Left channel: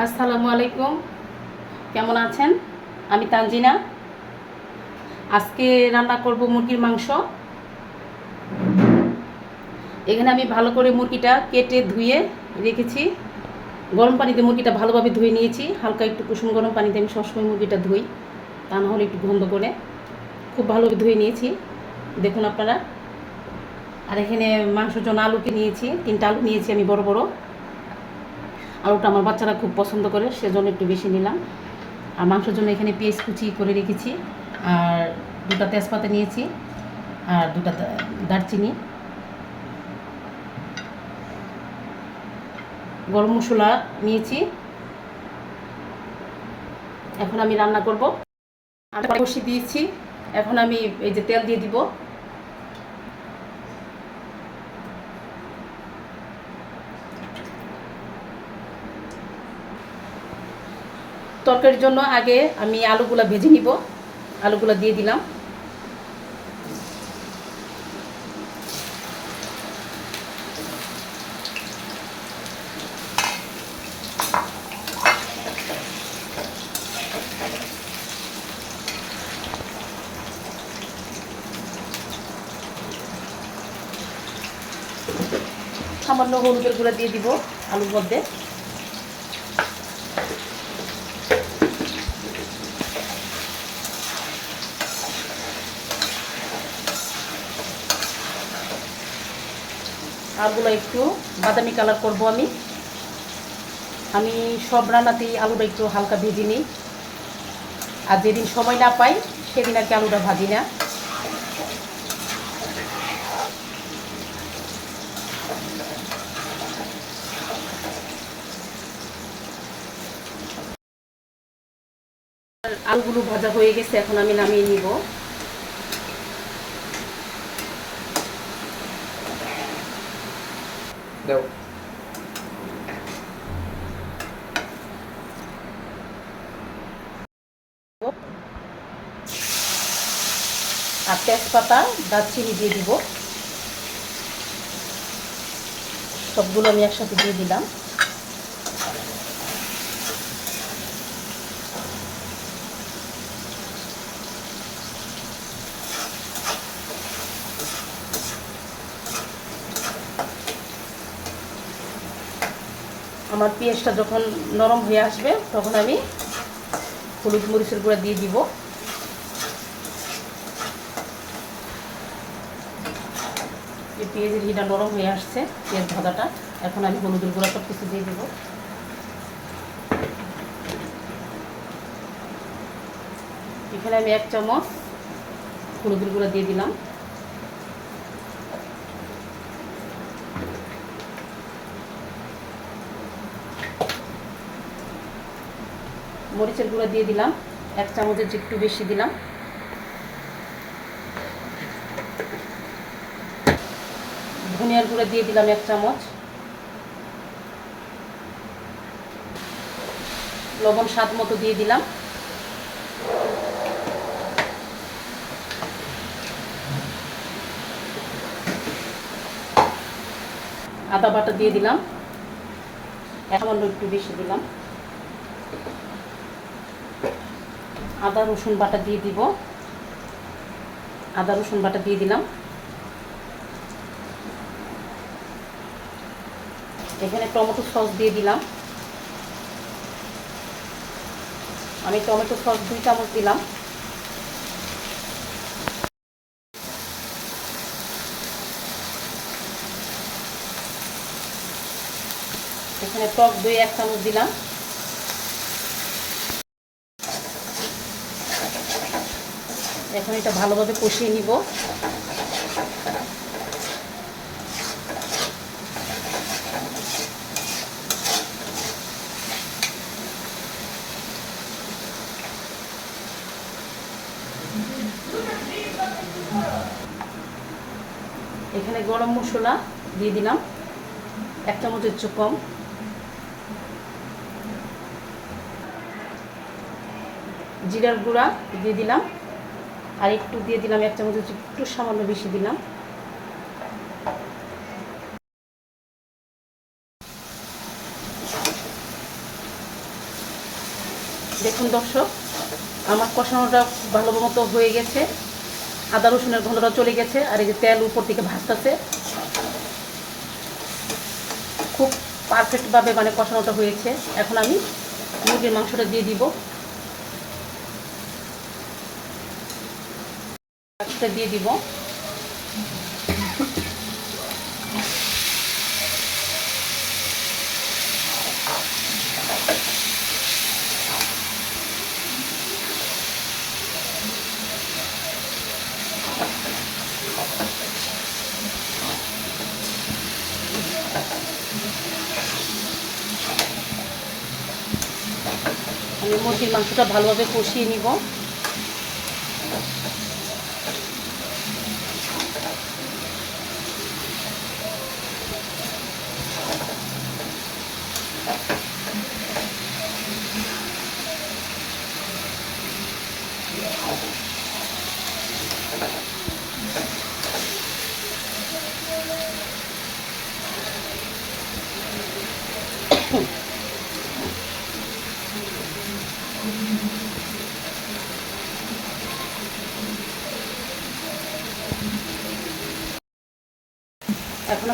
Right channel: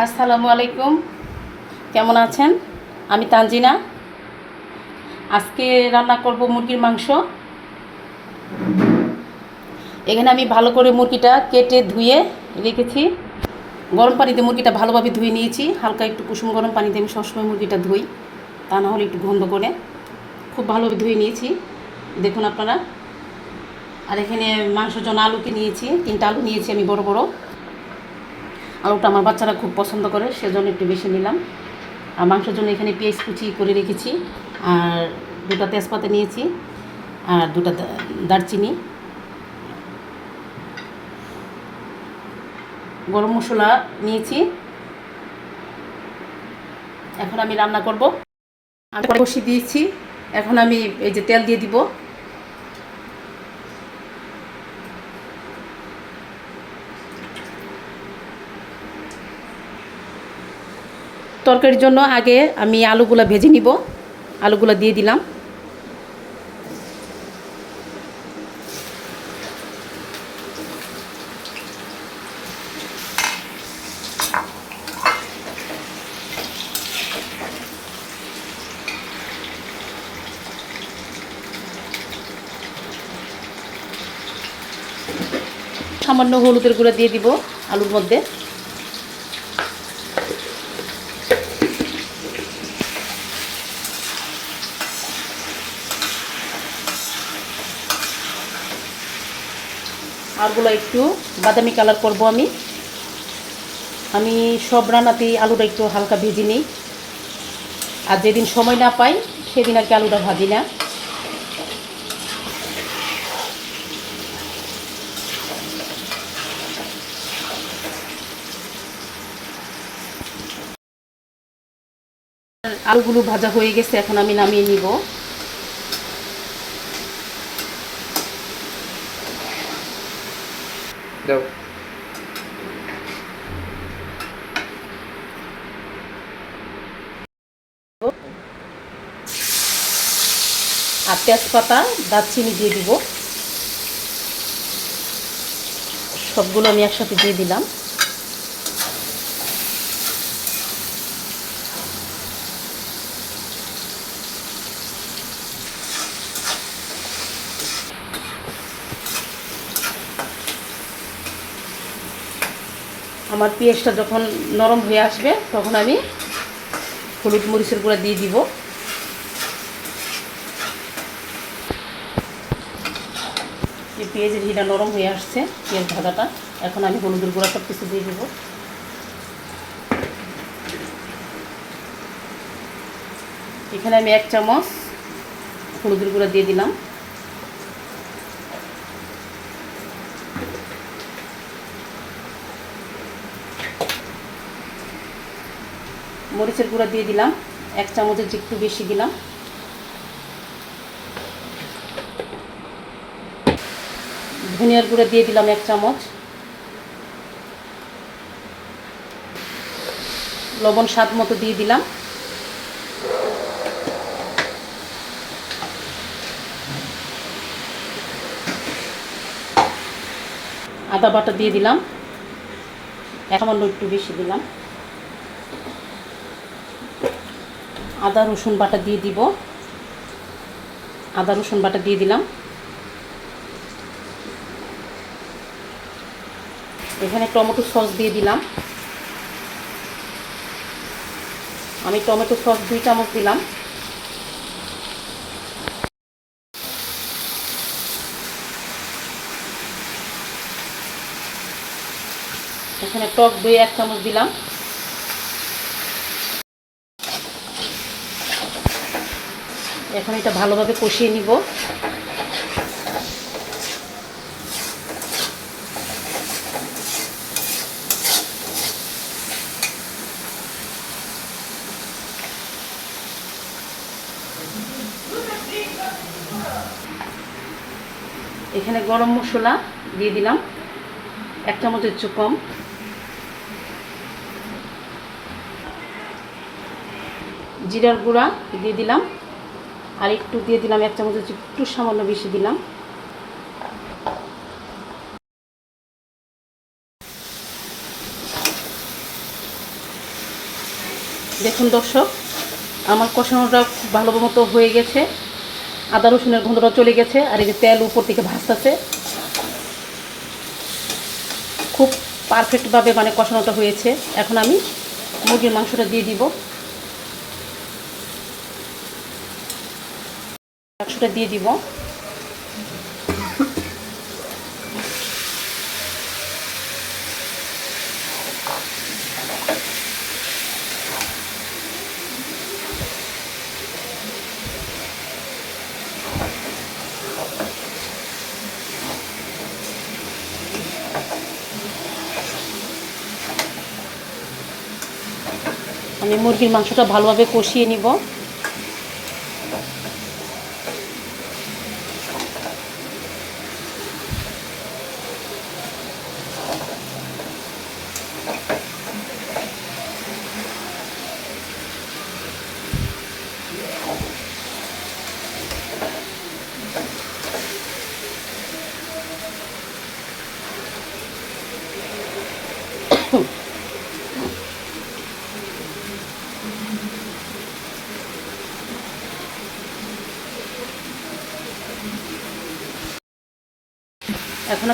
আসসালামু আলাইকুম। কেমন আছেন? আমি তানজিনা। আজকে রান্না করব মুরগির মাংস। এখানে আমি ভালো করে মুরগিটা কেটে ধুয়ে রেখেছি। গরম পানিতে মুরগিটা ভালোভাবে ধুয়ে নিয়েছি। হালকা একটু কুসুম গরম পানিতে আমি সবসময় মুরগিটা ধুই, তা না হলে একটু গন্ধ করে। খুব ভালোভাবে ধুয়ে নিয়েছি। দেখুন আপনারা। আর এখানে মাংসের জন্য আলুকে নিয়েছি। তিনটা আলু নিয়েছি আমি বড় বড়। আলুটা আমার বাচ্চারা খুব পছন্দ করে, সেজন্য একটু বেশি নিলাম। আর মাংসের জন্য এখানে পেঁয়াজ কুচি করে রেখেছি, আর দুটা তেজপাতা নিয়েছি, আর দুটা দারচিনি। গরম মশলা নিয়েছি। এখন আমি রান্না করব। আমি বসিয়ে দিয়েছি। এখন আমি এই যে তেল দিয়ে দিব। তরকারির জন্য আগে আমি আলুগুলো ভেজে নিব। আলুগুলো দিয়ে দিলাম। সামান্য হলুদের গুঁড়া দিয়ে দিব আলুর মধ্যে। আলুগুলো একটু বাদামি কালার করব আমি। আমি সব রান্নাতেই আলুটা একটু হালকা ভেজে নিই। আর যেদিন সময় না পাই, সেদিন আর কি আলুটা ভাজি না। আলুগুলো ভাজা হয়ে গেছে, এখন আমি নামিয়ে নিব। দাও। আর তেজপাতা দারচিনি দিয়ে দিব। সবগুলো আমি একসাথে দিয়ে দিলাম। আমার পেঁয়াজটা যখন নরম হয়ে আসবে, তখন আমি হলুদ মরিচের গুঁড়া দিয়ে দিব। যে পেঁয়াজের ঘিটা নরম হয়ে আসছে, পেঁয়াজ ভাজাটা। এখন আমি হলুদের গুঁড়া সব কিছু দিয়ে দেবো। এখানে আমি এক চামচ হলুদের গুঁড়া দিয়ে দিলাম। মরিচের গুঁড়া দিয়ে দিলাম, এক চামচের একটু বেশি দিলাম। ধনিয়ার গুঁড়া দিয়ে দিলাম এক চামচ। লবণ স্বাদ মতো দিয়ে দিলাম। আদা বাটা দিয়ে দিলাম। সামান্য একটু বেশি দিলাম। আদা, রসুন বাটা দিয়ে দিব। আদা, রসুন বাটা দিয়ে দিলাম। এখানে টমেটো সস দিয়ে দিলাম। আমি টমেটো সস দুই চামচ দিলাম। এখানে টক দই এক চামচ দিলাম। এখন এটা ভালোভাবে কষিয়ে নিব। এখানে গরম মশলা দিয়ে দিলাম। এক চামচের চেয়ে কম। জিরার গুঁড়া দিয়ে দিলাম। আর একটু দিয়ে দিলাম এক চামচের চেয়ে একটু সামান্য বেশি দিলাম। দেখুন দর্শক, আমার কষানোটা ভালো মতো হয়ে গেছে। আদা রসুনের গন্ধটা চলে গেছে আর এই যে তেল উপর থেকে ভাসতেছে খুব পারফেক্টভাবে মানে কষানোটা হয়েছে। এখন আমি মুরগির মাংসটা দিয়ে দিব। মাংসটা দিয়ে দিব। আমি মুরগির মাংসটা ভালোভাবে কষিয়ে নিব।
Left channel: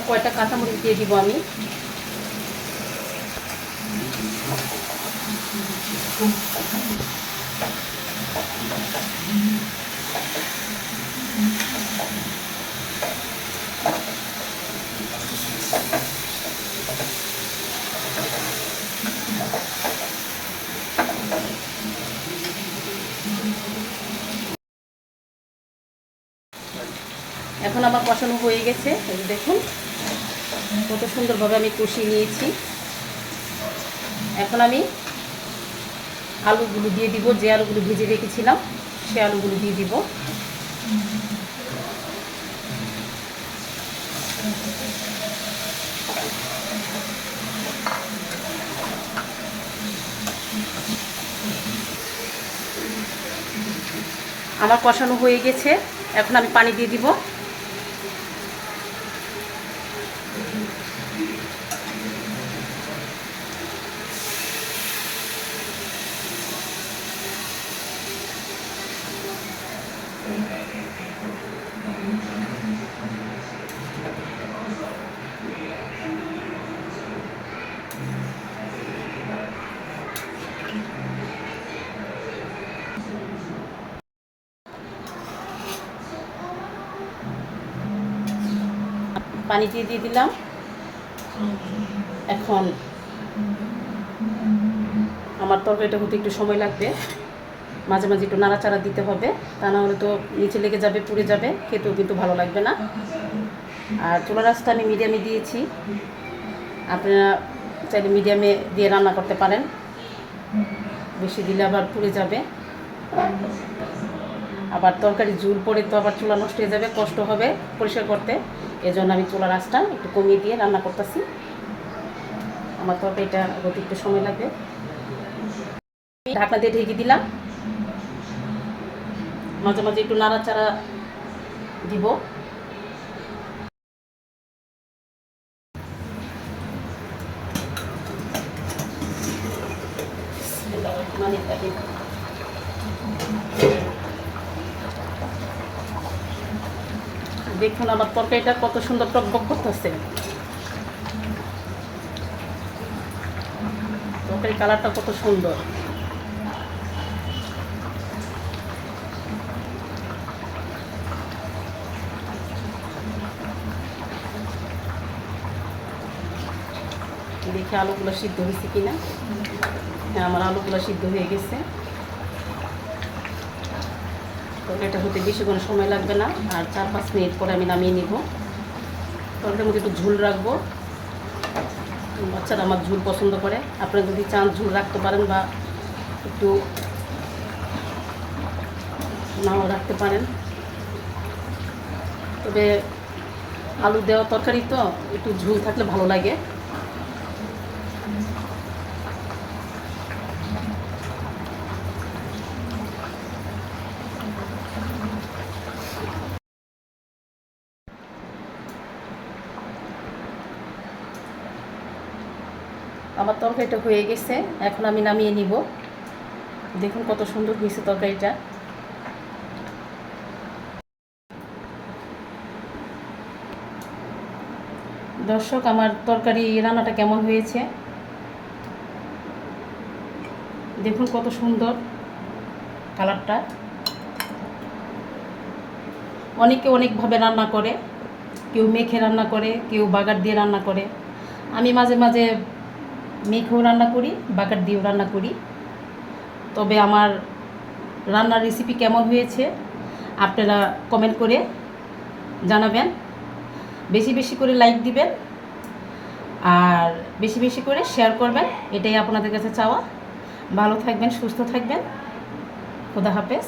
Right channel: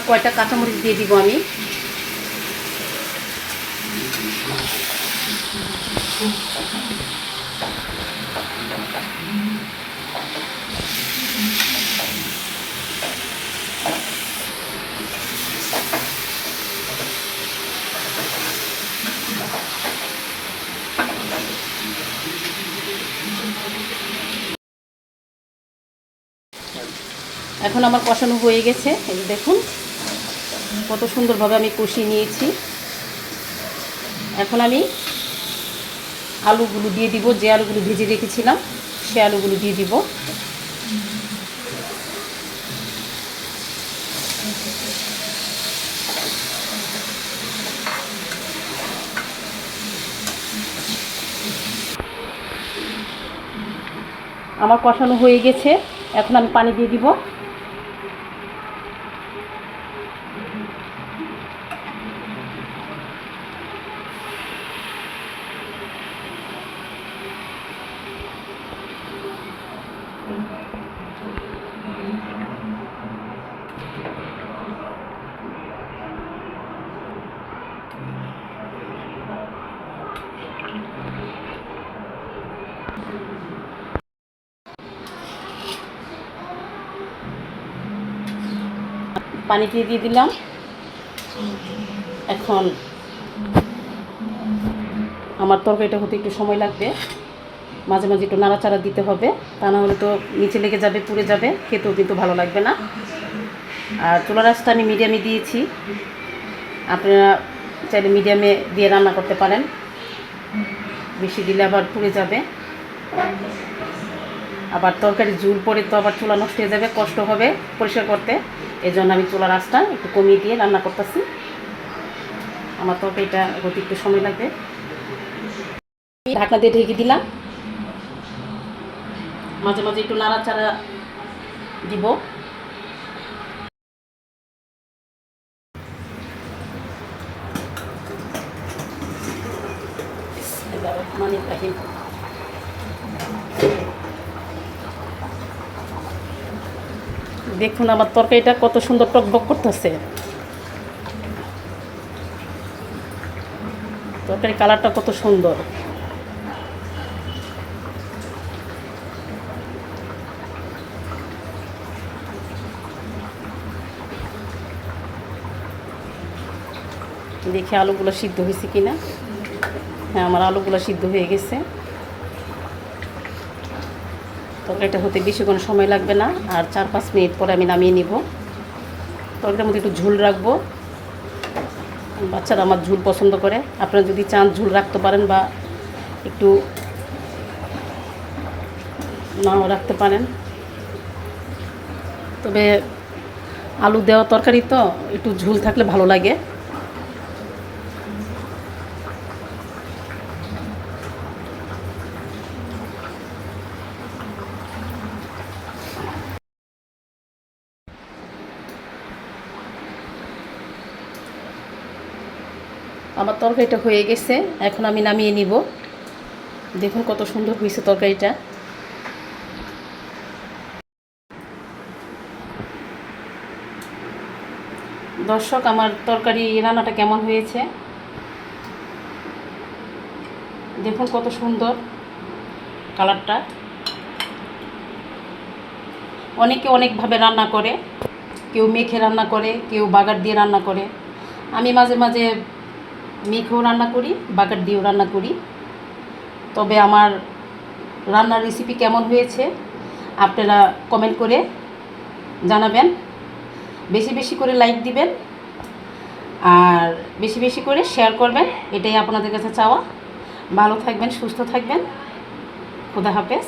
কয়টা কাঁচামরিচ দিয়ে দিব আমি? এখন আমার কষানো হয়ে গেছে দেখুন। কত সুন্দরভাবে আমি কষিয়ে নিয়েছি। এখন আমি আলুগুলো দিয়ে দিব, যে আলুগুলো ভেজে রেখেছিলাম, সে আলুগুলো দিয়ে দিব। আমার কষানো হয়ে গেছে। এখন আমি পানি দিয়ে দিব। পানি দিয়ে দিয়ে দিলাম। এখন আমার তরকারিটা হতে একটু সময় লাগবে। মাঝে মাঝে একটু নাড়াচাড়া দিতে হবে, তা না হলে তো নিচে লেগে যাবে, পুড়ে যাবে, খেতেও কিন্তু ভালো লাগবে না। আর চুলা রাসটা আমি মিডিয়ামে দিয়েছি। আপনারা চাইলে মিডিয়ামে দিয়ে রান্না করতে পারেন। বেশি দিলে আবার পুড়ে যাবে। আবার তরকারি ঝুল পরে তো আবার চুলা নষ্ট হয়ে যাবে, কষ্ট হবে পরিষ্কার করতে। এই জন্য আমি চুলার আঁচটা একটু কমিয়ে দিয়ে রান্না করতেছি। আমার তো এটা হতে একটু সময় লাগবে ঢাকনা দিয়ে ঢেকে দিলাম। মাঝে মাঝে একটু নাড়াচাড়া দিব। দেখুন আমার তরকারিটা কত সুন্দর টকবক করতেছে। তরকারি কালারটা কত সুন্দর। দেখি আলুগুলো সিদ্ধ হয়েছে কিনা? হ্যাঁ আমার আলুগুলো সিদ্ধ হয়ে গেছে। তরকারিটা হতে বেশি কোনো সময় লাগবে না। আর চার পাঁচ মিনিট পরে আমি নামিয়ে নিব। তরকারিটার মধ্যে একটু ঝুল রাখব। বাচ্চারা আমার ঝুল পছন্দ করে। আপনারা যদি চান ঝুল রাখতে পারেন বা একটু নাও রাখতে পারেন। তবে আলু দেওয়া তরকারি তো, একটু ঝুল থাকলে ভালো লাগে। আমার তরকারিটা হয়ে গেছে, এখন আমি নামিয়ে নিব। দেখুন কত সুন্দর হয়েছে তরকারিটা। দর্শক, আমার তরকারি রান্নাটা কেমন হয়েছে? দেখুন কত সুন্দর কালারটা। অনেকে অনেকভাবে রান্না করে, কেউ মেখে রান্না করে, কেউ বাগার দিয়ে রান্না করে। আমি মাঝে মাঝে মেখেও রান্না করি বাগার দিয়েও রান্না করি। তবে আমার রান্নার রেসিপি কেমন হয়েছে আপনারা কমেন্ট করে জানাবেন। বেশি বেশি করে লাইক দিবেন আর বেশি বেশি করে শেয়ার করবেন, এটাই আপনাদের কাছে চাওয়া। ভালো থাকবেন, সুস্থ থাকবেন। খোদা হাফেজ।